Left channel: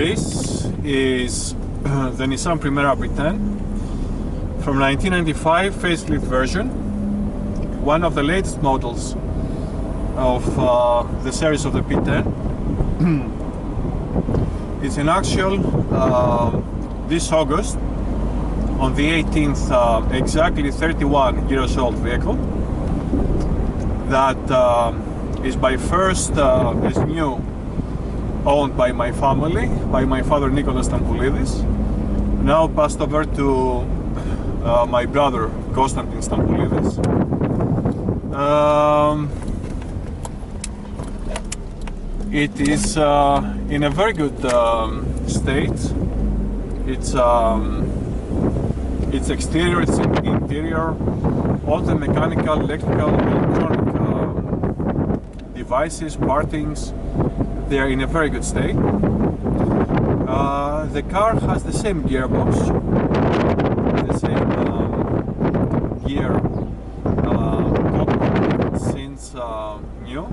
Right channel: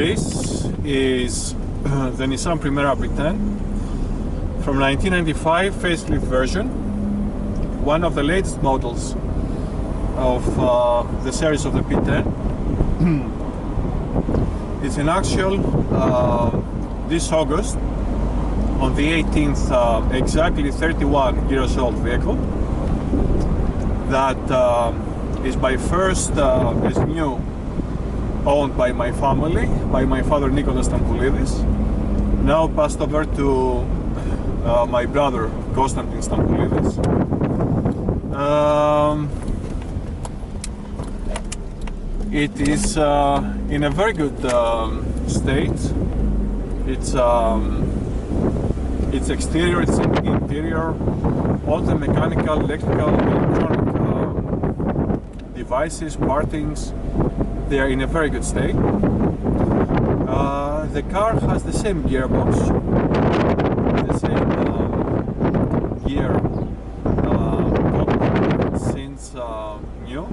This is the Nissan Primera P10 from 1995 facelift version, one of the latest models of the series of the P10. It's in actual this August, on the 18th, exactly 31 years old vehicle that is by first is new, owned by my family, by my father Stampoulidis, now passed over to my brother Stampoulidis. It is in a very good state. Its exterior, its interior, all the mechanical, electrical, electronic devices, partings, they are in a very good state. The car has the same gearbox, the same gear cockpit since new,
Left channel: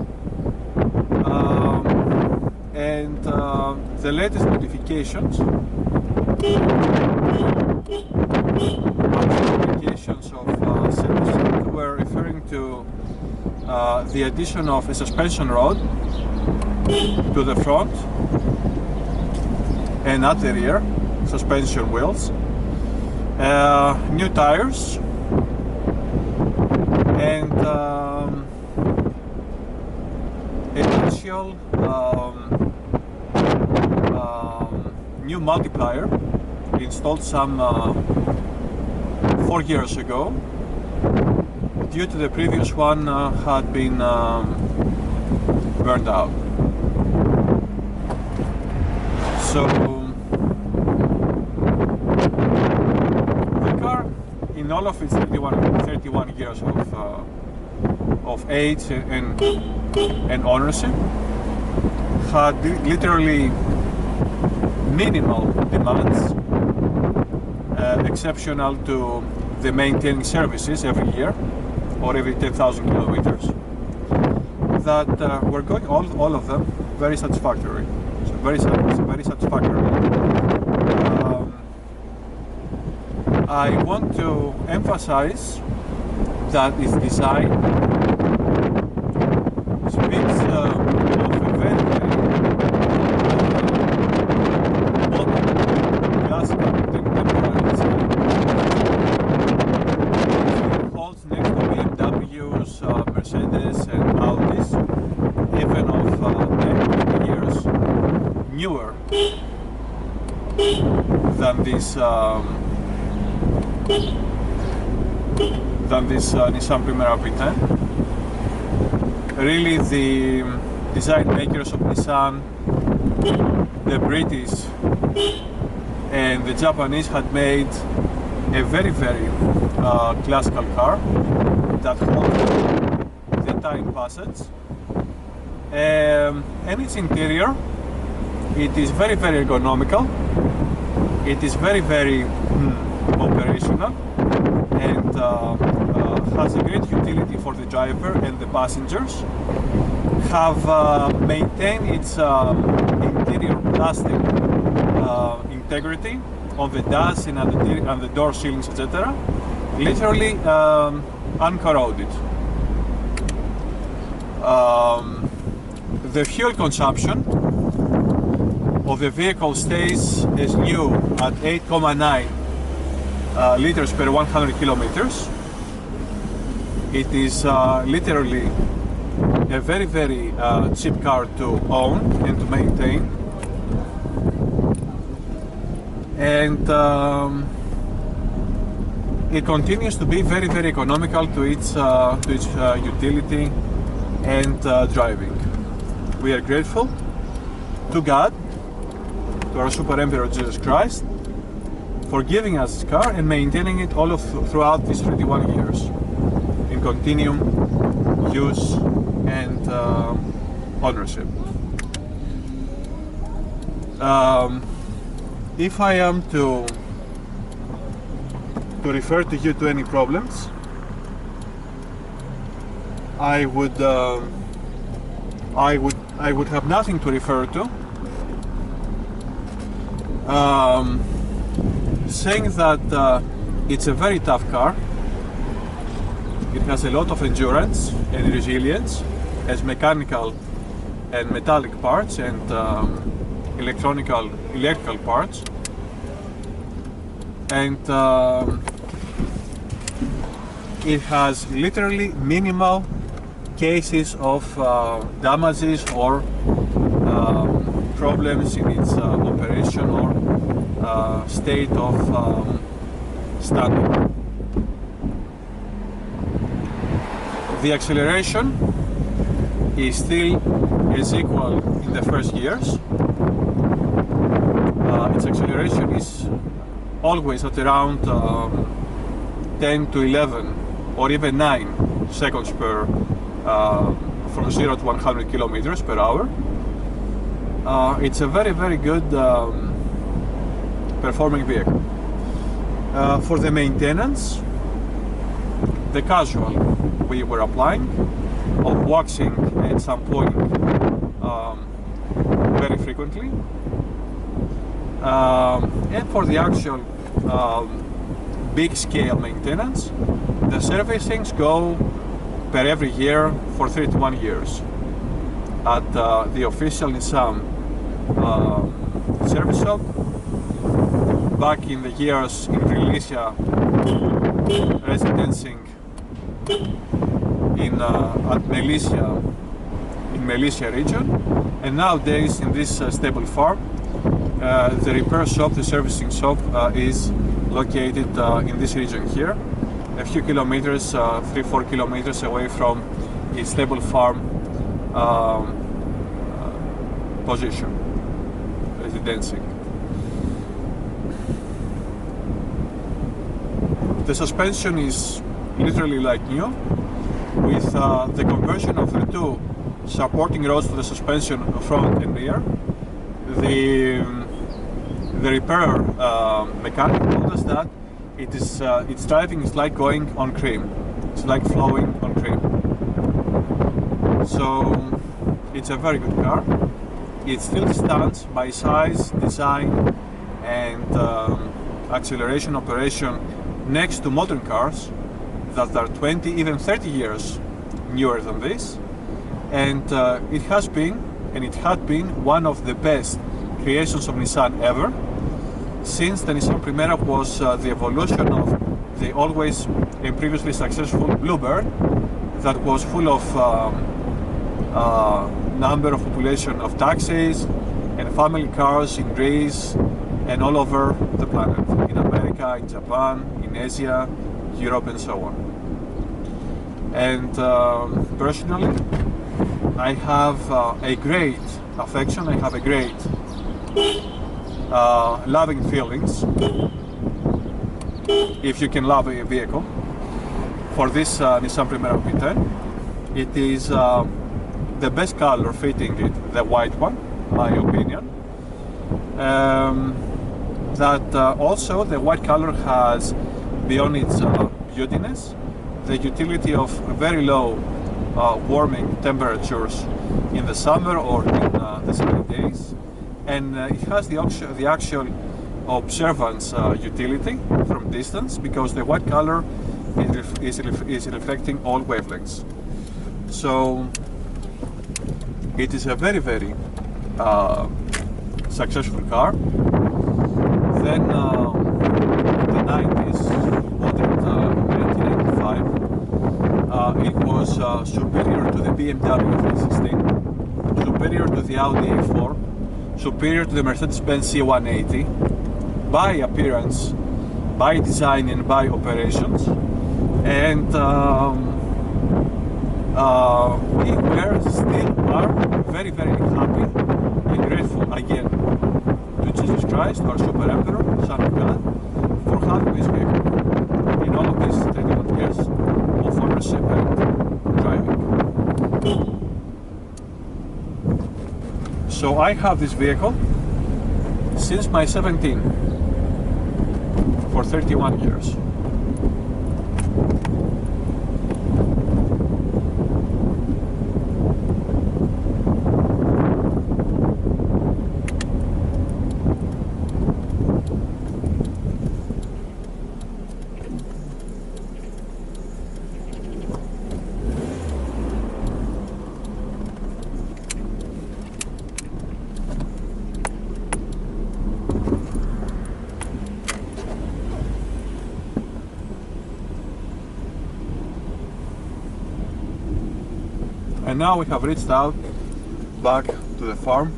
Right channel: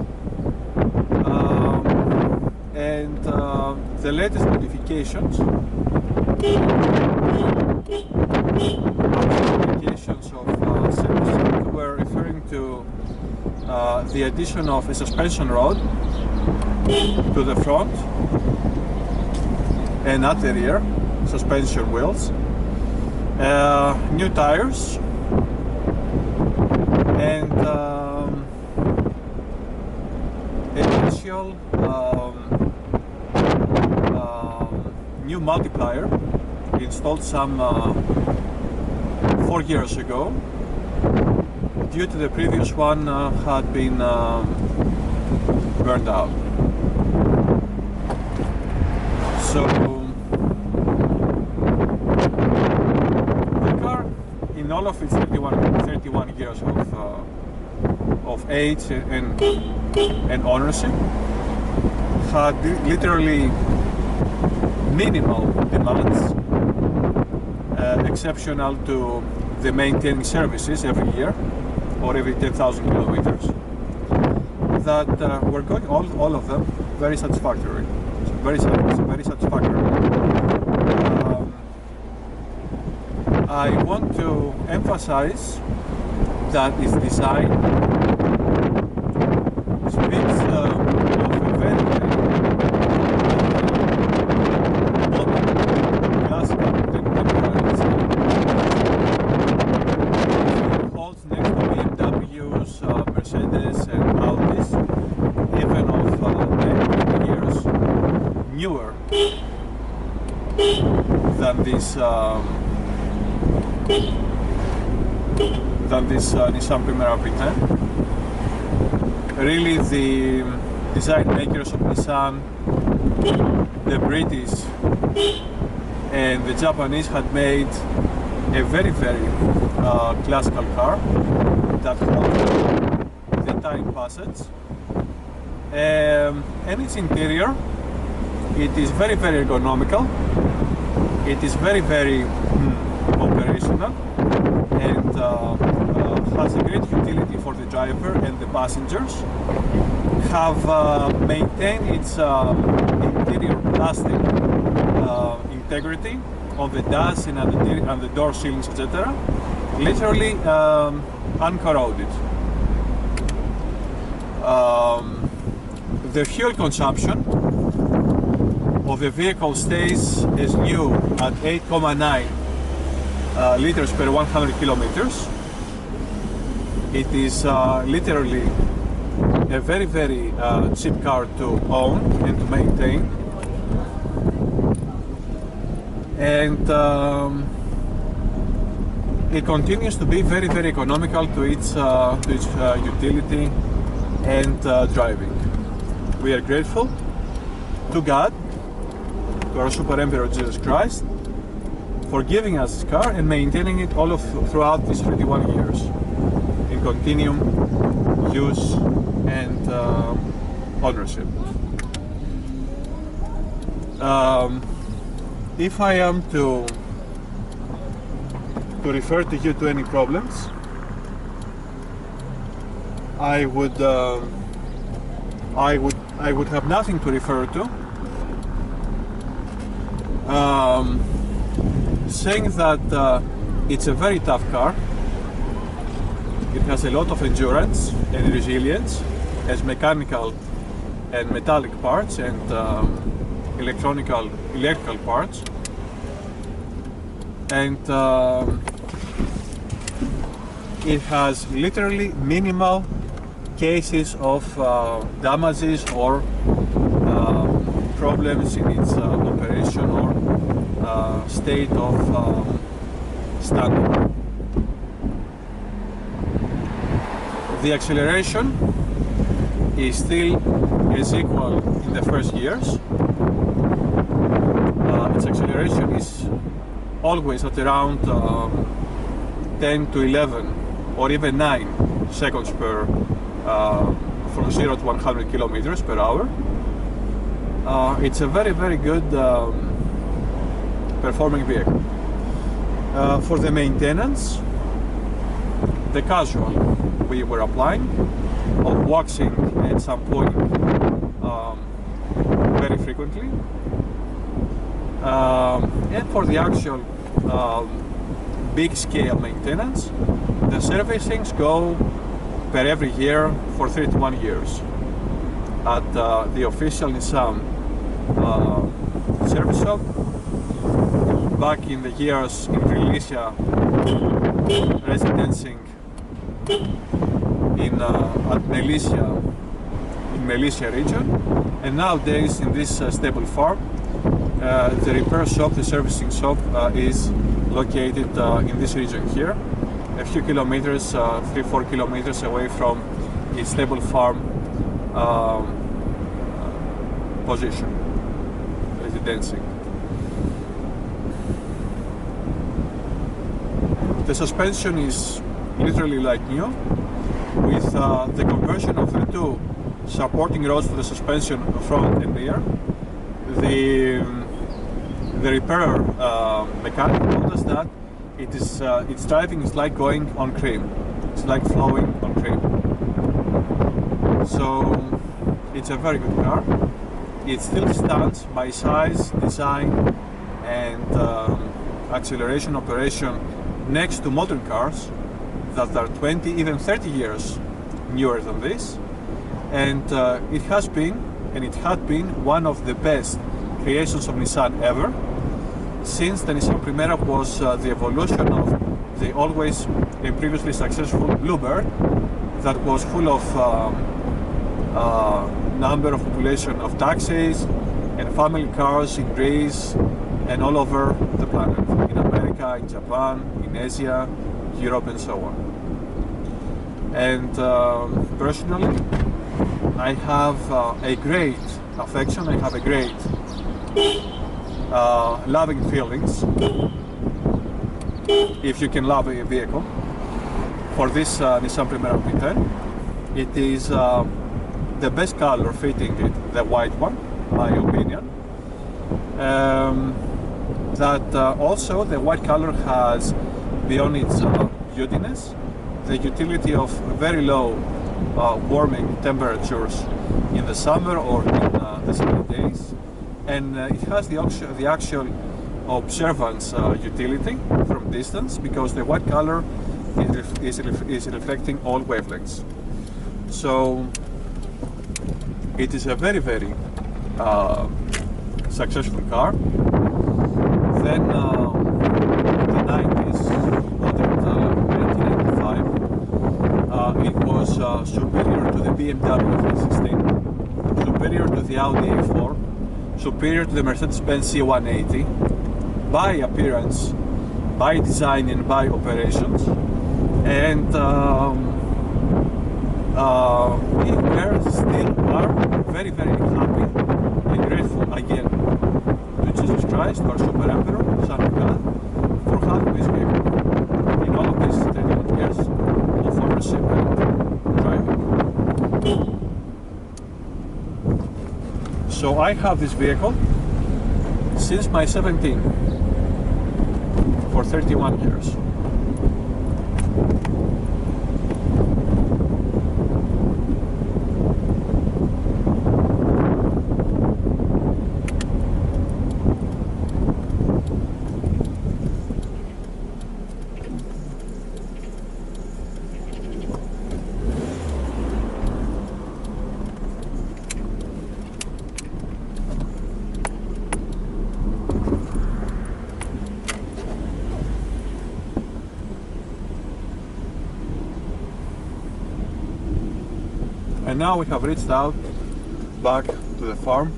and the latest modifications of service were referring to the addition of a suspension rod to the front and at the rear, suspension wheels, new tires, and initial new multiplier installed some 4 years ago, due to the previous one had been burned out. So the car, in all of its 31 years of age and ownership, had literally minimal demands, exceptional to the maintaining services every year or every 10,000 kilometers, that were going, all of them, very satisfactory. Very satisfactory. I want to emphasize that its design speaks of a very modern, classical, contemporary design. It holds next to BMWs, Mercedes and Audis, even of 10 years newer than this Nissan Primera P10. Really, the design makers of Nissan, the British and the Japanese, had made a very classical car that holds the time passage, and its interior, it is very ergonomical, it is very operational, and has a great utility for the driver and the passengers. Have maintained its interior plastic integrity on the dash and on the door ceilings, etc. Literally uncorroded. The fuel consumption of the vehicle stays as new at 8.9 liters per 100 kilometers. It is literally a very cheap car to own and to maintain, it continues to be very, very economical to its utility and driving. We are grateful to God, to our Super Emperor Jesus Christ, for giving us this car and maintaining it throughout these 31 years in continuum use and ownership. If I am to refer to you to any problems, I would have nothing to refer to. Saying that it's a very tough car. It has a lot of endurance and resilience, has mechanical and metallic parts and electrical parts, and it has literally minimal cases of damages or problems in its operation or state of standing. The acceleration is equal in the first years. Its acceleration is always at around 10 to 11 or even 9 seconds per from 0 to 100 kilometers per hour. It's a very, very good performing vehicle. For the maintenance, the casual we were applying of waxing and shampooing very frequently, and for the actual big scale maintenance, the servicings go per every year for 31 years at the official Nissan service shop. Back in the years in Krioneri residencing at Melissa region, and nowadays in this stable farm, the repair shop, the servicing shop, is located in this region here, a few kilometers, 3-4 kilometers away from the stable farm position, residencing. The suspension is literally like new, with the conversion of the two supporting rods to the suspension front and rear. The repair mechanic told us that its driving is like going on cream. It's like flowing on cream. So it's a very good car. It still stands by size, design, and acceleration operation next to modern cars that are 20, even 30 years newer than this. And it has been, and it had been, one of the best creations of Nissan ever, since the Nissan Primera was the evolution of the always and previously successful Bluebird that was full of number of population of taxis and family cars in Greece and all over the planet, in America, in Japan, in Asia, Europe, and so on. And personally, I have a great affection, I have a great loving feelings, if you can love a vehicle, for this Nissan Primera V10. It is the best color fitting it, the white one, my opinion. Also the white color has, beyond its beautiness, the utility of very low warming temperatures in the summer or in the sunny days, and it has the actual observance utility from distance, because the white color is reflecting all wavelengths. So it is a very, very successful car. Then the 90s, bought it in 1995. It was superior to the BMW 316, superior to the Audi A4, superior to the Mercedes-Benz C180 by appearance by design and by operations, and we still are very, very happy and grateful again to Jesus Christ, our Super Emperor, Son of God, for having this vehicle in all of these 31 years of ownership and driving. So I have this vehicle since my 17 for 31 years. And now we have reached out back to the farm.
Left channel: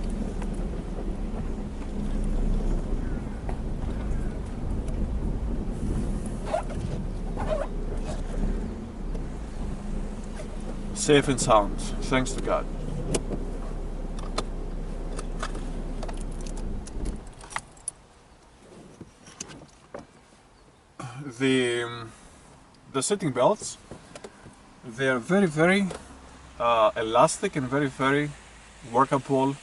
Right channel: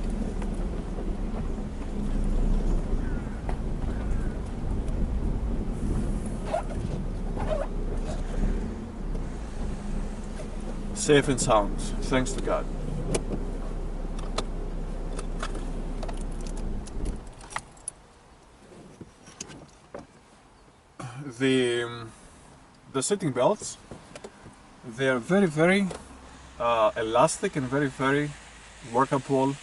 Safe and sound, thanks to God. The seating belts, they are very, very elastic and very, very workable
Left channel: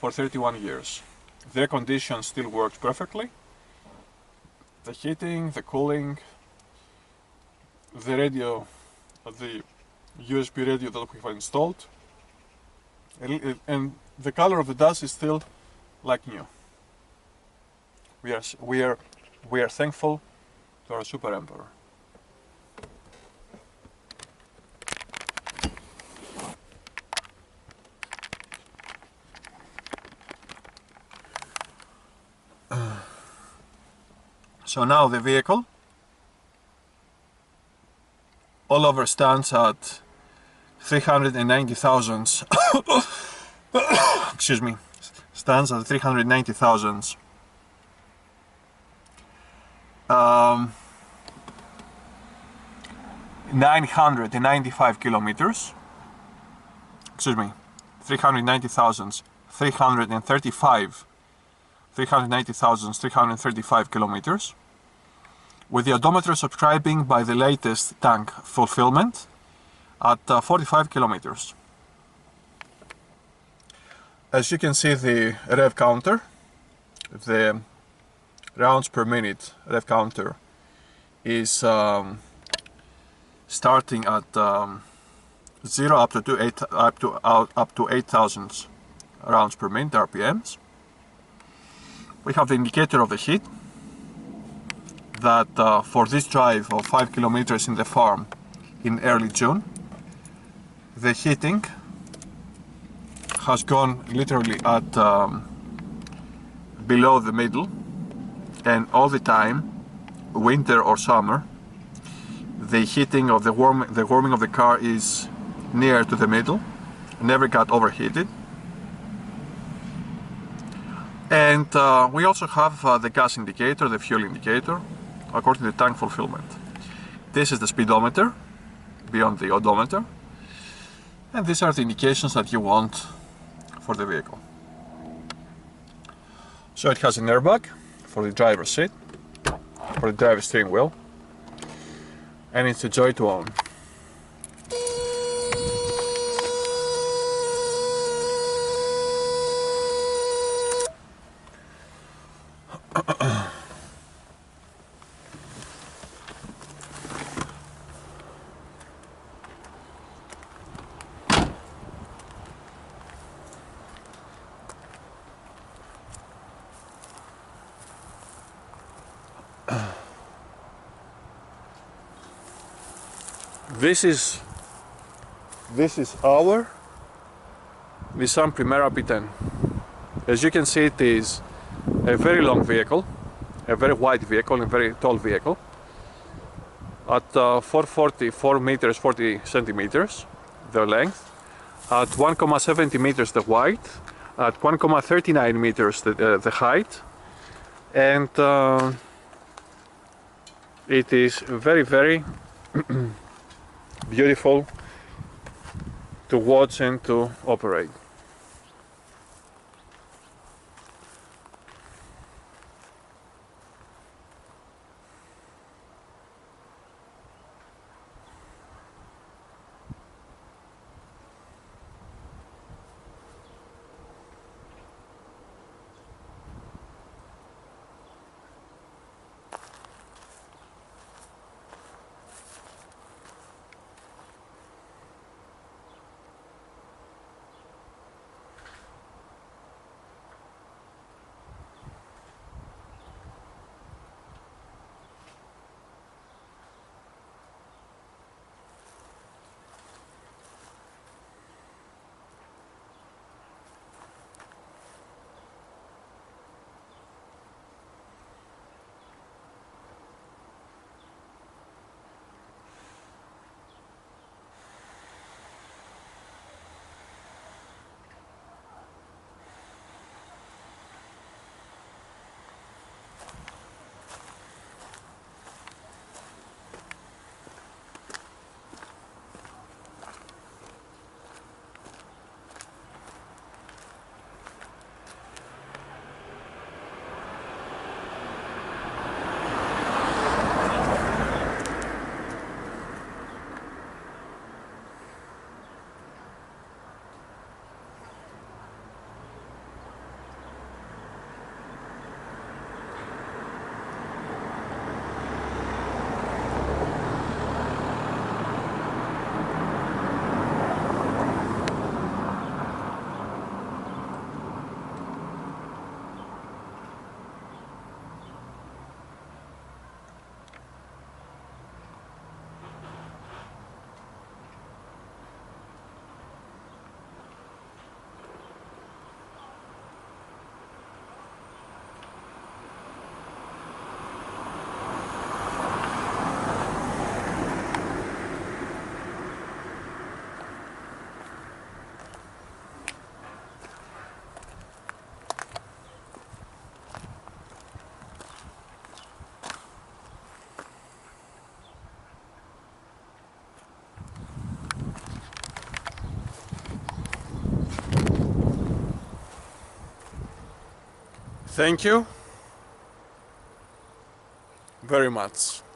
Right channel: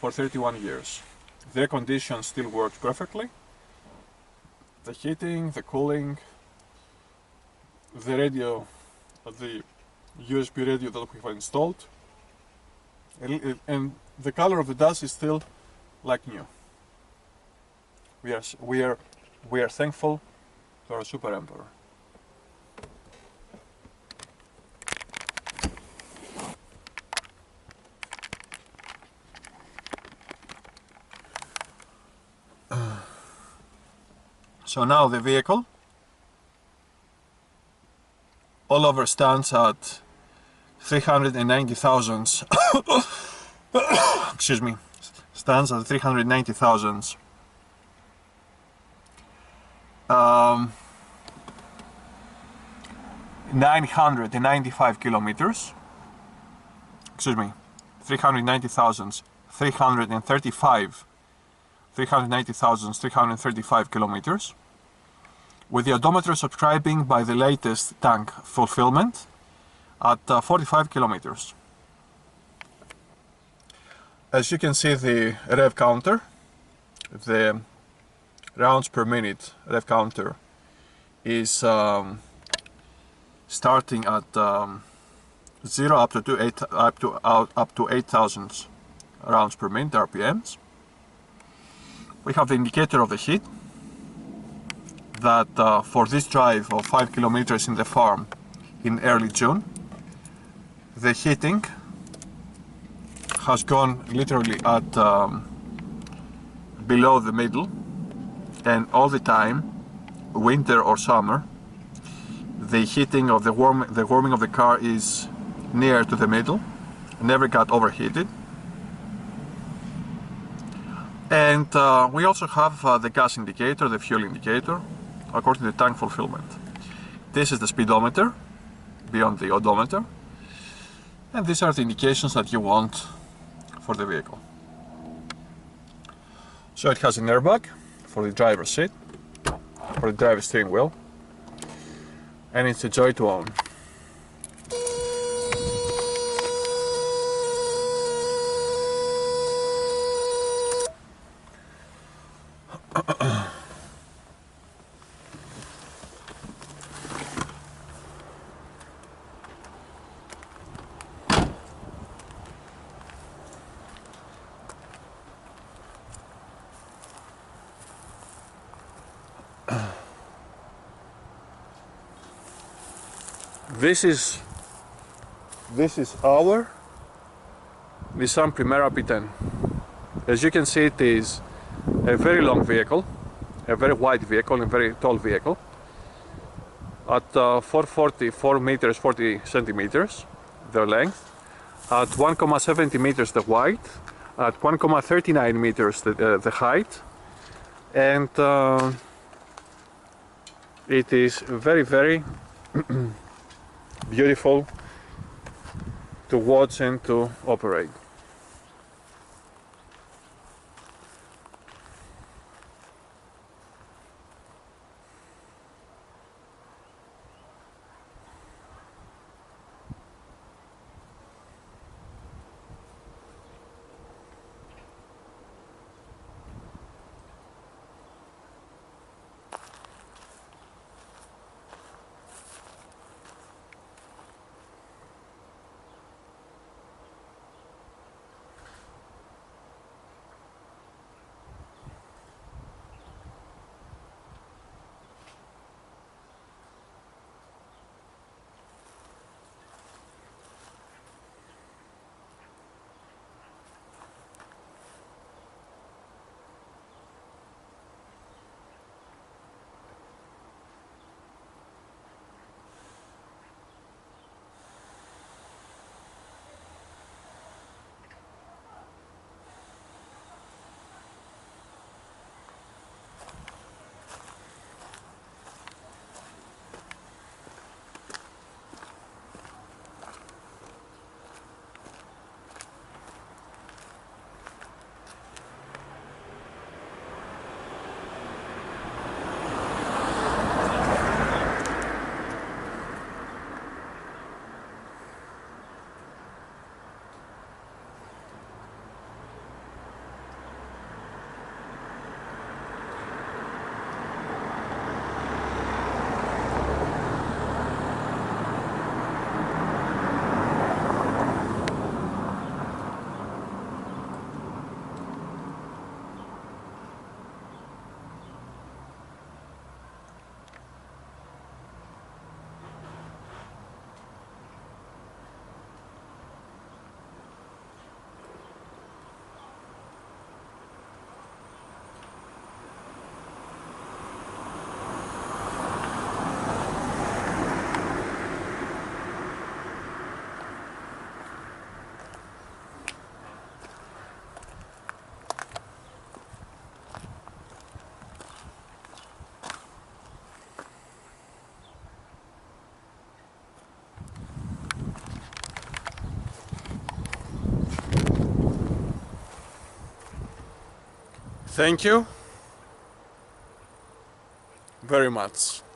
for 31 years. The air condition still works perfectly. The heating, the cooling, the radio, the USB radio that we have installed, and the color of the dash is still like new. We are thankful to our Super Emperor. So now the vehicle all over stands at 390,000. Excuse me, stands at 390,000. 995 kilometers. Excuse me, 390,335 kilometers, with the odometer subscribing by the latest tank fulfillment at 45 kilometers. As you can see, the rev counter, the rounds per minute rev counter, is starting at 0 up to 8,000 rounds per minute RPMs. We have the indicator of the heat that for this drive of 5 kilometers in the farm in early June, the heating has gone literally at below the middle, and all the time, winter or summer, the heating of the warming of the car is near to the middle, never got overheated. And we also have the gas indicator, the fuel indicator, according to the tank fulfillment. This is the speedometer beyond the odometer, and these are the indications that you want for the vehicle. So it has an airbag for the driver's seat, for the driver's steering wheel, and it's a joy to own. This is our Nissan Primera P10. As you can see, it is a very long vehicle, a very wide vehicle, a very tall vehicle. At 4 meters 40 centimeters the length, at 1,70 meters the width, at 1,39 meters the height, and It is very, very beautiful to watch and to operate. Thank you very much.